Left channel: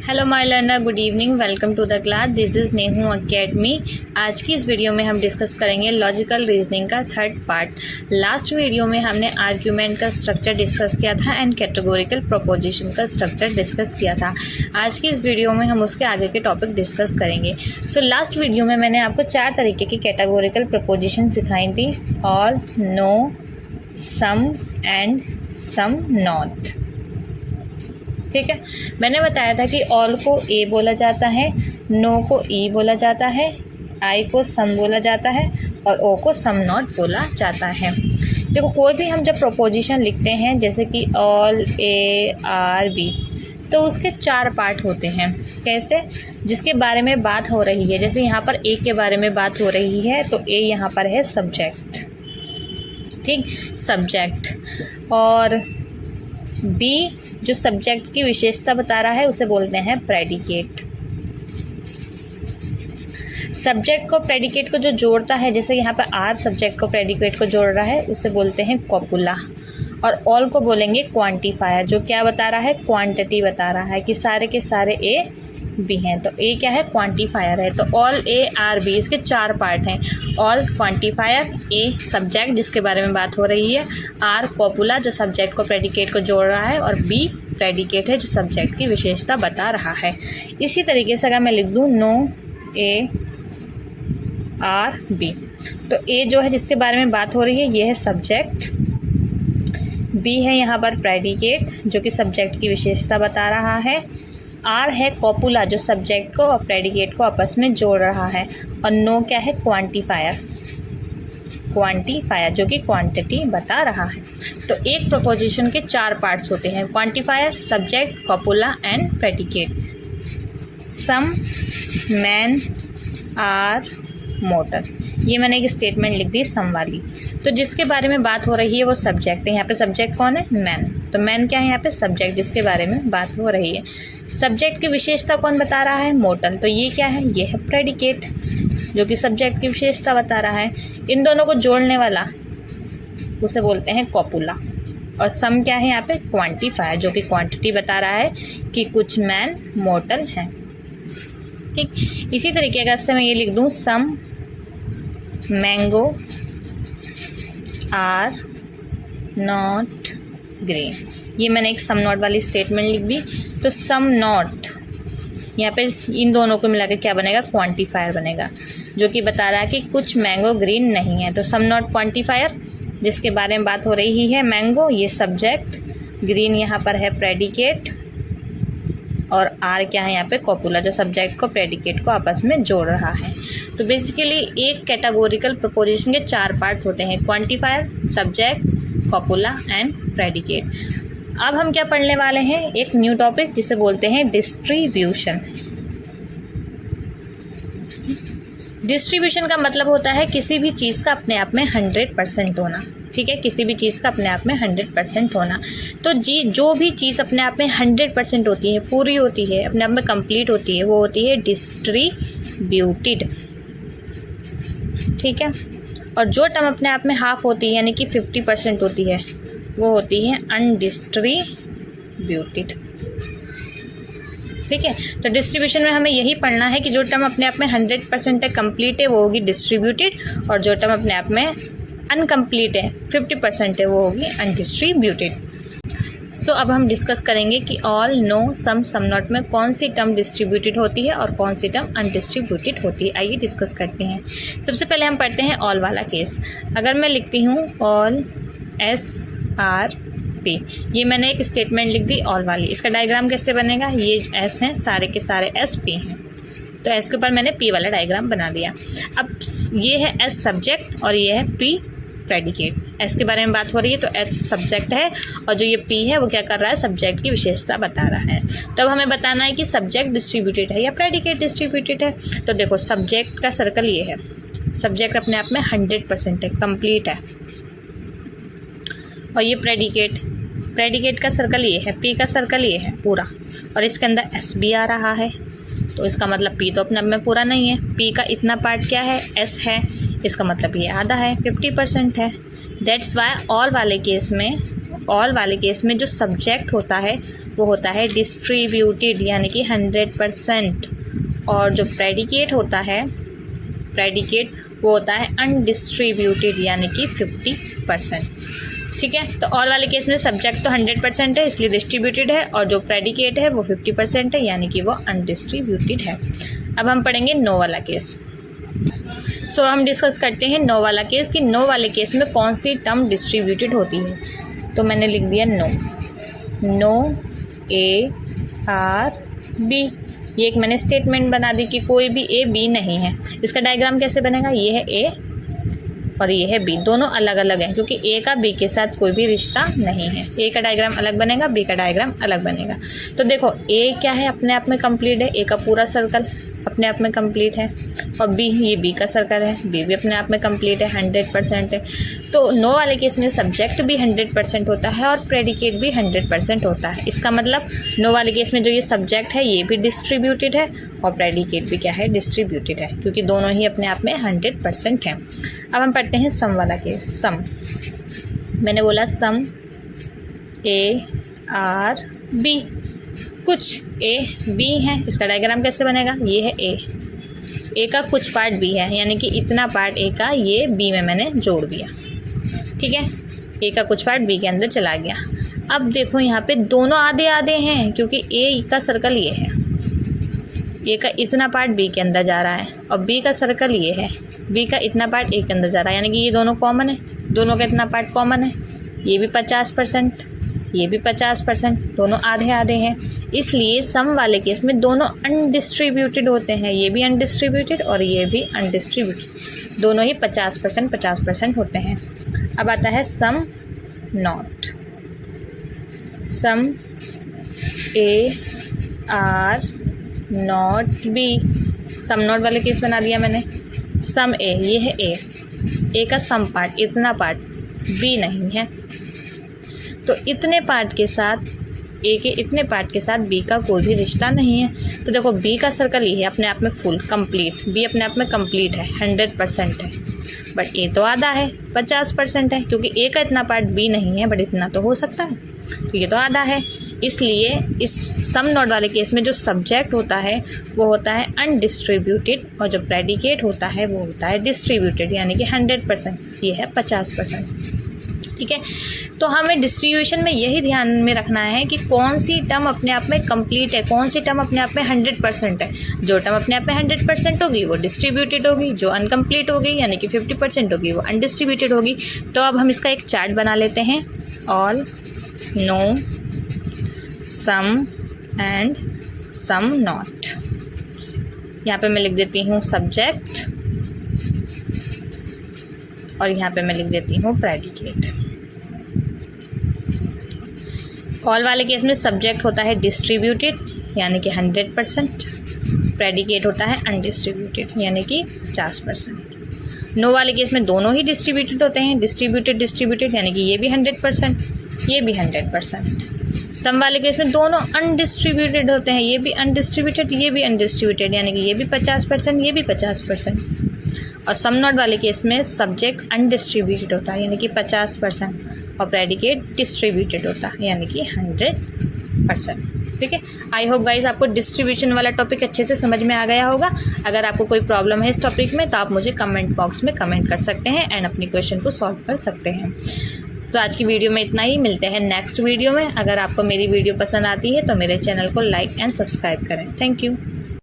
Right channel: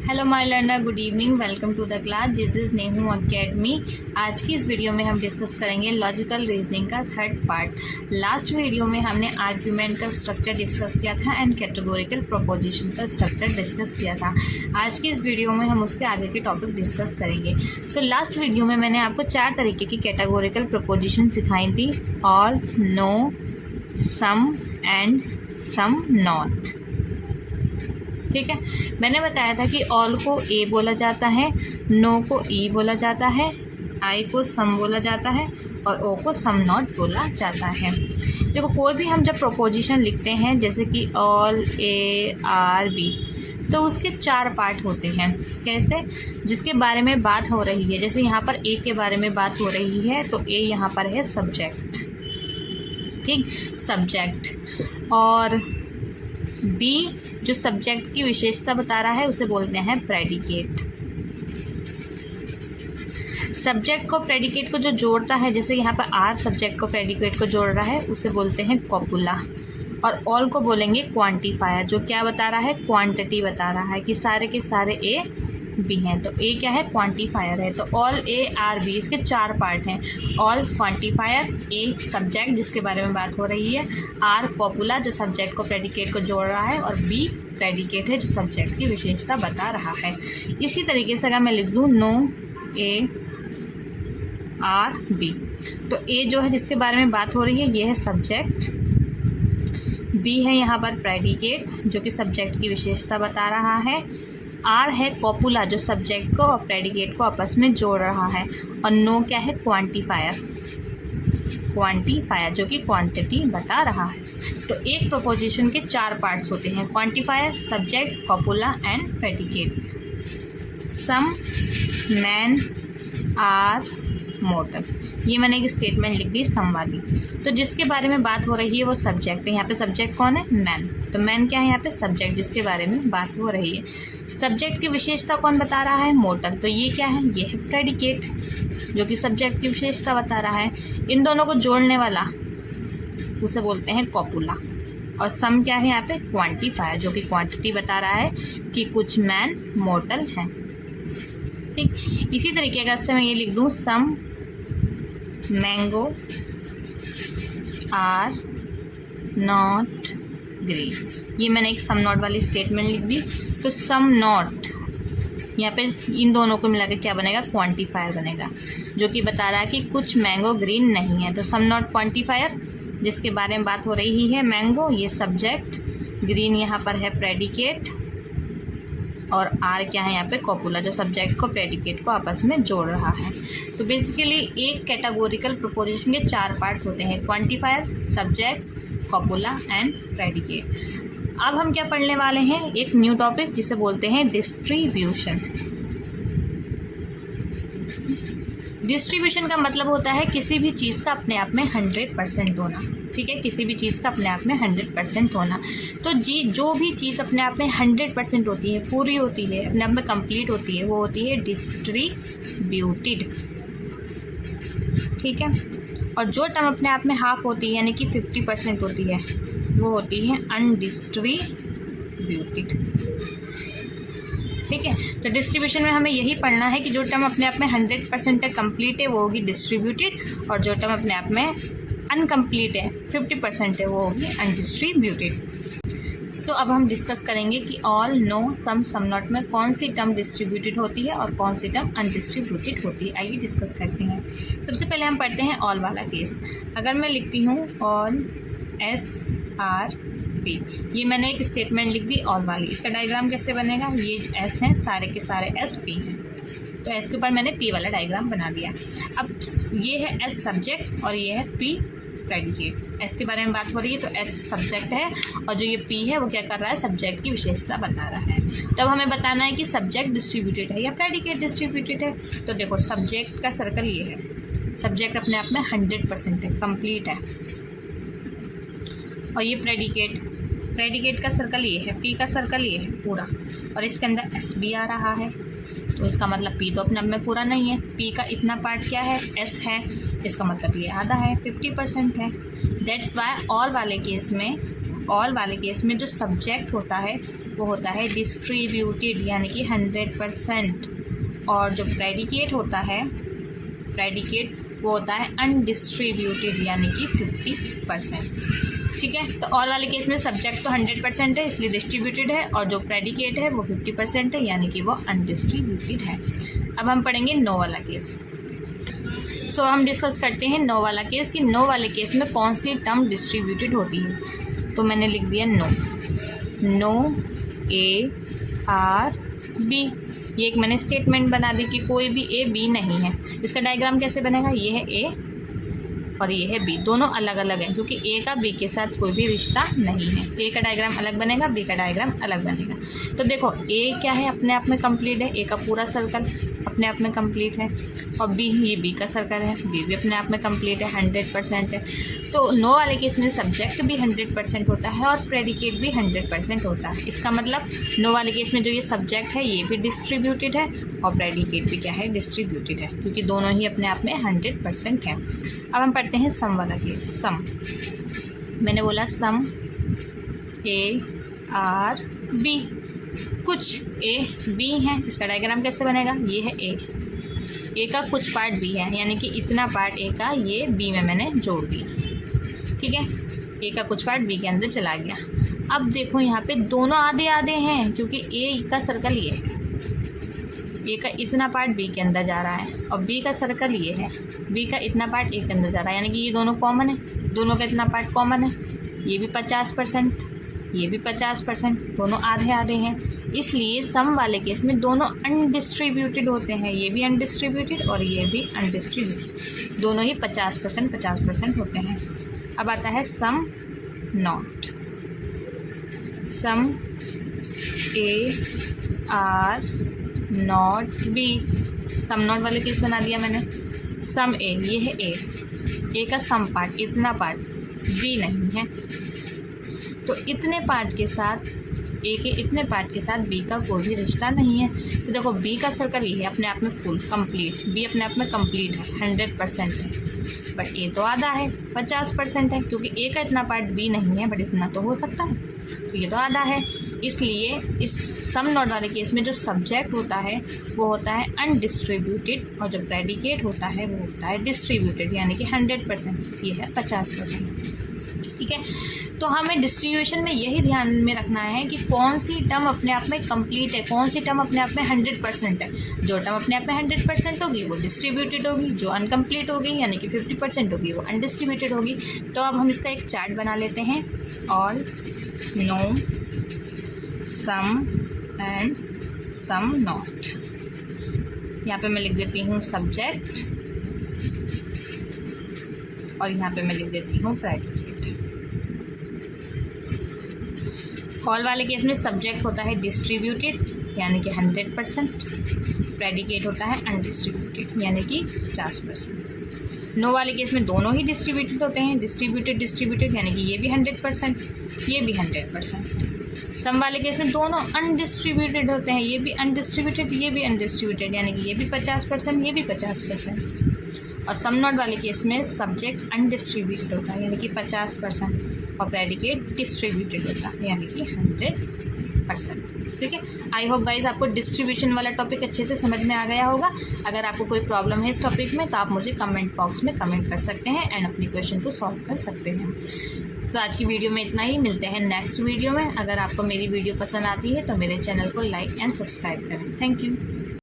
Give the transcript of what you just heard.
Hello my learner, good evening, welcome to the class. This is Nehu academy. आज की इस video में हम डिस्कस करेंगे लॉजिकल रीजनिंग का थर्ड पार्ट। लास्ट वीडियो में हमने आर्ग्यूमेंट का स्ट्रक्चर डिस्कस किया था एंड कैटेगोरिकल प्रोपोजिशन का स्ट्रक्चर डिस्कस किया था। आज की इस वीडियो में हम उसके आगे के टॉपिक डिस्कस करेंगे। सो लास्ट वीडियो में मैंने आपको 4 तरीके की कैटेगोरिकल प्रोपोजिशन सिखाई थी: all, no, some and some not. ठीक है, मैंने बताया था कि ऑल को ए बोला जाता है, नो को ई बोला जाता है, आई को सम बोला जाता है और ओ को सम नॉट बोला जाता है। देखो, कोई भी हम जब प्रोपोजिशन लिखते हैं जैसे कि ऑल, ए, आर, बी, तो उसके 4 पार्ट होते हैं। कैसे? जिसके बारे में बात हो रही है। जैसे यहाँ पर ए के बारे में बात हो रही है तो ए यहाँ पर है सब्जेक्ट, ठीक, सब्जेक्ट। और बी जो सब्जेक्ट की विशेषता बता रहा है उसे बोलते हैं प्रेडिकेट। सब्जेक्ट को प्रेडिकेट को जो जोड़ता है, जैसे यहाँ पर आर सब्जेक्ट को प्रेडिकेट को जोड़ रहा है, उसे बोलते हैं कॉपुला। और ऑल को बोलेंगे क्वांटिफायर, जो क्या बता रहा है, क्वांटिटी बता रहा है कि सारे के सारे ए बी हैं। तो ए क्या है, क्वांटिफायर है। तो ऑल, ए, आर, बी, इसके 4 पार्ट हैं। ऑल क्वांटिफायर, ए सब्जेक्ट जिसके बारे में बात हो रही है, आर कॉपुला जो सब्जेक्ट को प्रेडिकेट को जोड़ रहा है, और बी प्रेडिकेट है जो सब्जेक्ट की विशेषता बता रहा है। इसी तरीके से अगर मैं लिख दूँ नो, ए, आर, बी, तो ए जो है जिसके बारे में बात हो रही है ये है सब्जेक्ट, बी है यहाँ पर प्रेडिकेट जो कि सब्जेक्ट की विशेषता बता रहा है, आर है कॉपुला जो सब्जेक्ट को और प्रेडिकेट को आपस में जोड़ रहा है, और नो क्या है, क्वांटिफायर, क्वांटिफायर जो कि क्वांटिटी बता रहा है। तो एक प्रोपोजिशन के 4 पार्ट्स होते हैं: quantifier, subject, copula and predicate. Some, man, are, mortal. ये मैंने एक स्टेटमेंट लिख दी सम वाली। तो जिसके बारे में बात हो रही है वो सब्जेक्ट है। यहाँ पे सब्जेक्ट कौन है, मैन। तो मैन क्या है यहाँ पे, सब्जेक्ट जिसके बारे में बात हो रही है। सब्जेक्ट की विशेषता कौन बता रहा है, मोटर। तो ये क्या है, ये है प्रेडिकेट जो कि सब्जेक्ट की विशेषता बता रहा है। इन दोनों को जोड़ने वाला उसे बोलते हैं कॉपुला। और सम क्या है यहाँ पे, क्वांटिफायर जो कि क्वांटिटी बता रहा है कि कुछ मैन मोटर हैं। ठीक, इसी तरीके का से मैं ये लिख दूँ सम मैंगो आर नॉट ग्रीन। ये मैंने एक सम नॉट वाली स्टेटमेंट लिख दी। तो सम नॉट यहाँ पे इन दोनों को मिलाकर क्या बनेगा, क्वांटिफायर बनेगा जो कि बता रहा है कि कुछ मैंगो ग्रीन नहीं है। तो सम नॉट क्वांटिफायर जिसके बारे में बात हो रही है, मैंगो ये सब्जेक्ट, ग्रीन यहाँ पर है प्रेडिकेट, और आर क्या है यहाँ पे, कॉपुला जो सब्जेक्ट को प्रेडिकेट को आपस में जोड़ रहा है। तो बेसिकली एक कैटेगोरिकल प्रोपोजिशन के 4 पार्ट्स होते हैं: quantifier, subject, copula and predicate. अब हम क्या पढ़ने वाले हैं, एक न्यू टॉपिक जिसे बोलते हैं डिस्ट्रीब्यूशन। डिस्ट्रीब्यूशन का मतलब होता है किसी भी चीज़ का अपने आप में 100% होना। ठीक है, किसी भी चीज़ का अपने आप में 100% होना। तो जो भी चीज़ अपने आप में 100% होती है, पूरी होती है, अपने आप में कंप्लीट होती है, वो होती है डिस्ट्रीब्यूटेड। ठीक है, और जो टर्म अपने आप में हाफ होती है यानी कि 50% होती है, वो होती है अनडिस्ट्रीब्यूटेड। ठीक है, तो डिस्ट्रीब्यूशन में हमें यही पढ़ना है कि जो टर्म अपने आप में 100% है, कंप्लीट है, वो होगी डिस्ट्रीब्यूटेड, और जो टर्म अपने आप में अनकम्प्लीट है, 50% है, वो होगी अनडिस्ट्रीब्यूटेड। सो अब हम डिस्कस करेंगे कि all, no, some, some not में कौन सी टर्म डिस्ट्रीब्यूटेड होती है और कौन सी टर्म अनडिस्ट्रीब्यूटेड होती है। आइए डिस्कस करते हैं। सबसे पहले हम पढ़ते हैं ऑल वाला केस। अगर मैं लिखती हूँ ऑल, एस, आर, पी, ये मैंने एक स्टेटमेंट लिख दी ऑल वाली। इसका डायग्राम कैसे बनेगा, ये एस हैं, सारे के सारे एस पी हैं, तो एस के ऊपर मैंने पी वाला डायग्राम बना दिया। अब ये है एस सब्जेक्ट और ये है पी प्रेडिकेट। एस के बारे में बात हो रही है तो एच सब्जेक्ट है, और जो ये पी है वो क्या कर रहा है, सब्जेक्ट की विशेषता बता रहा है। तब हमें बताना है कि सब्जेक्ट डिस्ट्रीब्यूटेड है या प्रेडिकेट डिस्ट्रीब्यूटेड है। तो देखो, सब्जेक्ट का सर्कल ये है, सब्जेक्ट अपने आप में 100% है, कंप्लीट है। और ये प्रेडिकेट, प्रेडिकेट का सर्कल ये है, पी का सर्कल ये है पूरा, और इसके अंदर एस भी आ रहा है। तो इसका मतलब पी तो अपने आप में पूरा नहीं है, पी का इतना पार्ट क्या है, एस है, इसका मतलब ये आधा है, 50% है। दैट्स वाई ऑल वाले केस में ऑल वाले केस में जो सब्जेक्ट होता है वो होता है डिस्ट्रीब्यूटेड यानी कि 100%, और जो प्रेडिकेट होता है प्रेडिकेट वो होता है अनडिस्ट्रीब्यूटेड यानी कि 50%। ठीक है, तो ऑल वाले केस में सब्जेक्ट तो 100% है इसलिए डिस्ट्रीब्यूटेड है, और जो प्रेडिकेट है वो 50% है यानी कि वो अनडिस्ट्रीब्यूटेड है। अब हम पढ़ेंगे नो वाला केस। सो हम डिस्कस करते हैं नो वाला केस कि नो वाले केस में कौन सी टर्म डिस्ट्रीब्यूटेड होती है। तो मैंने लिख दिया no, no A are B, ये एक मैंने स्टेटमेंट बना दी कि कोई भी ए बी नहीं है। इसका डायग्राम कैसे बनेगा, ये है ए और ये है बी, दोनों अलग अलग हैं क्योंकि ए का बी के साथ कोई भी रिश्ता नहीं है। ए का डायग्राम अलग बनेगा, बी का डायग्राम अलग बनेगा। तो देखो ए क्या है, अपने आप में कंप्लीट है, ए का पूरा सर्कल अपने आप में कंप्लीट है, और बी, ये बी का सर्कल है, बी भी अपने आप में कंप्लीट है, 100% है। तो नो वाले केस में सब्जेक्ट भी 100% होता है और प्रेडिकेट भी 100% होता है। इसका मतलब नो वाले केस में जो ये सब्जेक्ट है ये भी डिस्ट्रीब्यूटेड है और प्रेडिकेट भी क्या है, डिस्ट्रीब्यूटेड है, क्योंकि दोनों ही अपने आप में 100% हैं। अब हम पढ़ते हैं सम वाला केस। सम, मैंने बोला सम ए आर बी, कुछ ए बी हैं। इसका डायग्राम कैसे बनेगा, ये है ए का कुछ पार्ट बी है यानी कि इतना पार्ट ए का ये बी में मैंने जोड़ दिया। ठीक है, ए का कुछ पार्ट बी के अंदर चला गया। अब देखो यहाँ पे दोनों आधे आधे हैं क्योंकि ए का सर्कल ये है, ए का इतना पार्ट बी के अंदर जा रहा है और बी का सर्कल ये है, बी का इतना पार्ट ए के अंदर जा रहा है यानी कि ये दोनों कॉमन है, दोनों का इतना पार्ट कॉमन है। ये भी 50%, ये भी 50%, दोनों आधे आधे हैं। इसलिए सम वाले केस में दोनों अनडिस्ट्रीब्यूटेड होते हैं, ये भी अनडिस्ट्रीब्यूटेड और ये भी अनडिस्ट्रीब्यूटेड, दोनों ही 50% होते हैं। अब आता है some not. Some A are not B, some not वाले केस बना दिया मैंने। सम ए, ये है ए का सम पार्ट, इतना पार्ट बी नहीं है, तो इतने पार्ट के साथ ए के इतने पार्ट के साथ बी का कोई भी रिश्ता नहीं है। तो देखो बी का सर्कल ये है अपने आप में फुल कंप्लीट, बी अपने आप में कंप्लीट है, 100% है, बट ए तो आधा है, 50% है, क्योंकि ए का इतना पार्ट बी नहीं है बट इतना तो हो सकता है, तो ये तो आधा है। इसलिए इस सम नॉट वाले केस में जो सब्जेक्ट होता है वो होता है अनडिस्ट्रीब्यूटेड और जो प्रेडिकेट होता है वो होता है डिस्ट्रीब्यूटेड यानी कि 100%, ये है 50%। ठीक है, तो हमें डिस्ट्रीब्यूशन में यही ध्यान में रखना है कि कौन सी टर्म अपने आप में कंप्लीट है, कौन सी टर्म अपने आप में 100% है। जो टर्म अपने आप में 100% होगी वो डिस्ट्रीब्यूटेड होगी, जो अनकम्प्लीट होगी यानी कि 50% होगी वो अनडिस्ट्रीब्यूटेड होगी। तो अब हम इसका एक चार्ट बना लेते हैं। All, no, some and some not. यहाँ पे मैं लिख देती हूँ सब्जेक्ट और यहाँ पे मैं लिख देती हूँ प्रेडिकेट। ऑल वाले केस में सब्जेक्ट होता है डिस्ट्रीब्यूटेड यानी कि 100%, प्रेडिकेट होता है अनडिस्ट्रीब्यूटेड यानी कि 50%। नो वाले केस में दोनों ही डिस्ट्रीब्यूटेड होते हैं, डिस्ट्रीब्यूटेड यानी कि ये भी 100%, ये भी 100%। सम वाले केस में दोनों अनडिस्ट्रीब्यूटेड होते हैं, ये भी अनडिस्ट्रीब्यूटेड, ये भी अनडिस्ट्रीब्यूटेड यानी कि ये भी 50%, ये भी 50%। और सम नॉट वाले केस में सब्जेक्ट अनडिस्ट्रीब्यूटेड होता है यानी कि 50% और प्रेडिकेट डिस्ट्रीब्यूटेड होता है यानी कि 100%। ठीक है, आई होप गाइज आपको डिस्ट्रीब्यूशन वाला टॉपिक अच्छे से समझ में आ गया होगा। अगर आपको कोई प्रॉब्लम है इस टॉपिक में तो आप मुझे कमेंट बॉक्स में कमेंट कर सकते हैं एंड अपनी क्वेश्चन को सॉल्व कर सकते हैं। सो आज की वीडियो में इतना ही, मिलते हैं नेक्स्ट वीडियो में। अगर आपको मेरी वीडियो पसंद आती है तो मेरे चैनल को लाइक एंड सब्सक्राइब करें। Thank you.